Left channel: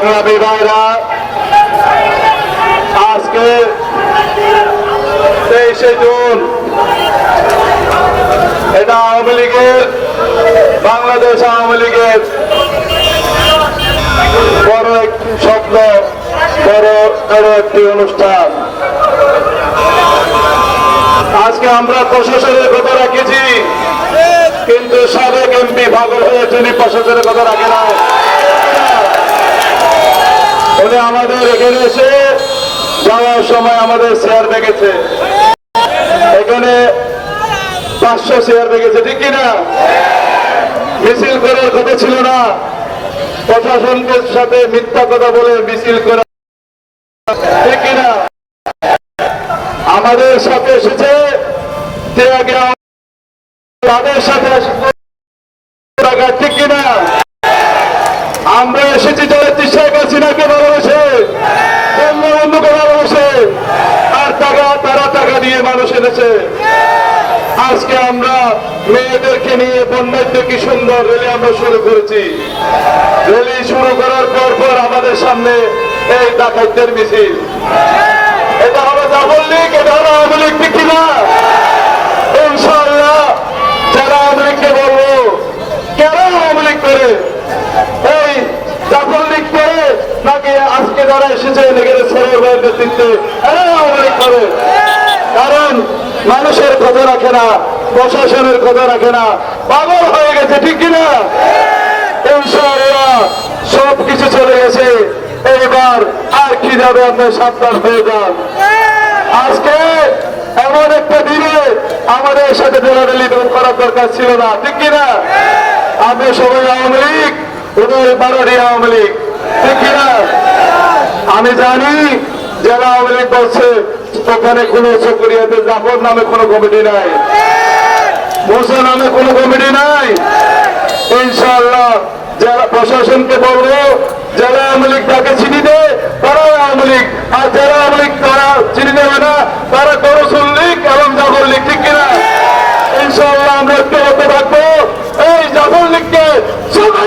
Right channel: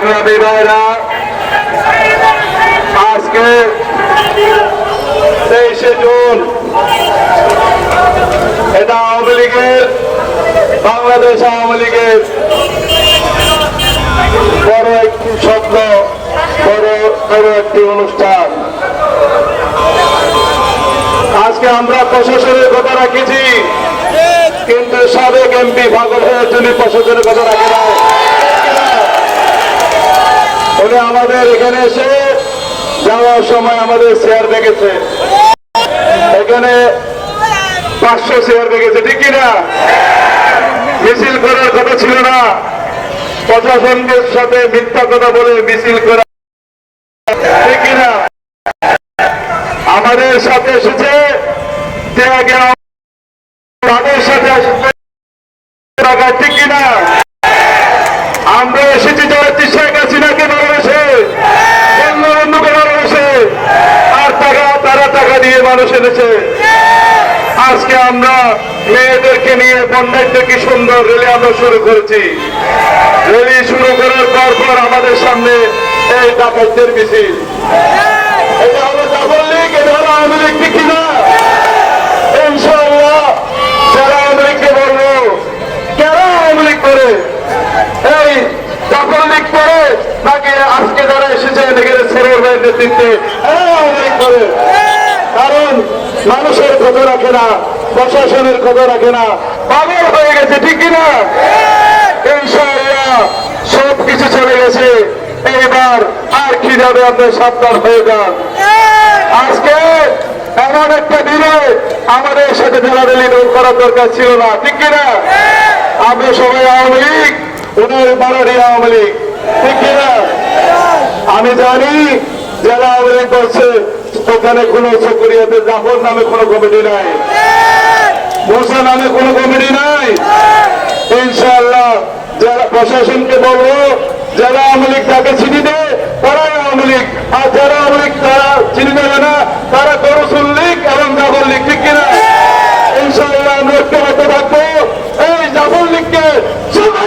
সংগ্রামী ভাইরা আজকে তেইশে জুন এটা আওয়ামী লীগের বাংলাদেশ আওয়ামী লীগের বড় একটি স্বপ্ন বড় বড় একটি অনুষ্ঠান আজকে আমরা প্রশাসনের কথা রাখেছি কিন্তু সাবেক এমপি ভাগল হয়ে তিনি প্রশাসনের কথা রাখে না উনি আমাদের এখানে এসে যাওয়ার সময় আমাদের শেয়ার দেখেছে। এখানে পাঁচশো শেয়ার দেখেছে, ঠিক কিনা মিছিল করার কথা ছিল না। প্রশাসনকে সাথে মিথ্যা কথা বলে মিছিল করা আমাদের সাথে এসেছে ঠিক কিনা আমরা এসেছি যারা শেখ হাসিনাকে ভালোবেসে। বন্ধুকে ভালোবেসে। আর টাকা, তারা টাকা দিয়ে মানুষ এনেছে। আজকে আমরা মেয়েদেরকে নিয়ে বন্যাঢ্য কি সুন্দর রেলি আমরা শুরু করেছি। রেলি শুরু করার পর পর আমাদের সামনে এই ডাকাইতের মিছিল। এটা হলো ডাবল লীগ, এটা হলো আওয়ামী লীগ ঠিক কিনা ইনশাআল্লাহ যারা আওয়ামী লীগকে বলব কেন আওয়ামী লীগ করে এই ডাবল লীগ করে নাকি আজকে যারা এসেছে এখানে সরোর ভাইয়ের নেতৃত্বে কারণ মানুষের খবর রাখে না, প্রশাসনের খবর রাখে না, পাগল হয়ে গেছে, ঠিক কিনা ইনশাআল্লাহ সব কিছু চলে গেছে। এইবার আর কি যাবে আপনার সাবধান হয়ে যান? আজকে এমন একটা দিনে আমাদের সাথে দৌড়াদৌড়ি দৌড় করার দরকার ছিল না, ঠিক কিনা আমরা সবাই আওয়ামী লীগ উদয় বাড়ারি আওয়ামী লীগ, ঠিক কিনা আমি জানি যারা আওয়ামী করছে ওখানে কোন চকরিয়াতে জাফর নামে কোন কমিটি নাই। মোসা নামে কোন কমিটি নাই। ইনশাল্লাহ যারা প্রশাসনকে বলব যারা আওয়ামী লীগ তাকে চিনি দে তারা আওয়ামী লীগ। আর যারা আওয়ামী লীগ, তারা চিনি দেবে না, তারা করসুল লীগ এবং জাফর লীগ, ঠিক কিনা? ইনশাল্লাহ আমরা ঐক্যবদ্ধ থাকব। এই জাফর লীগকে শুধু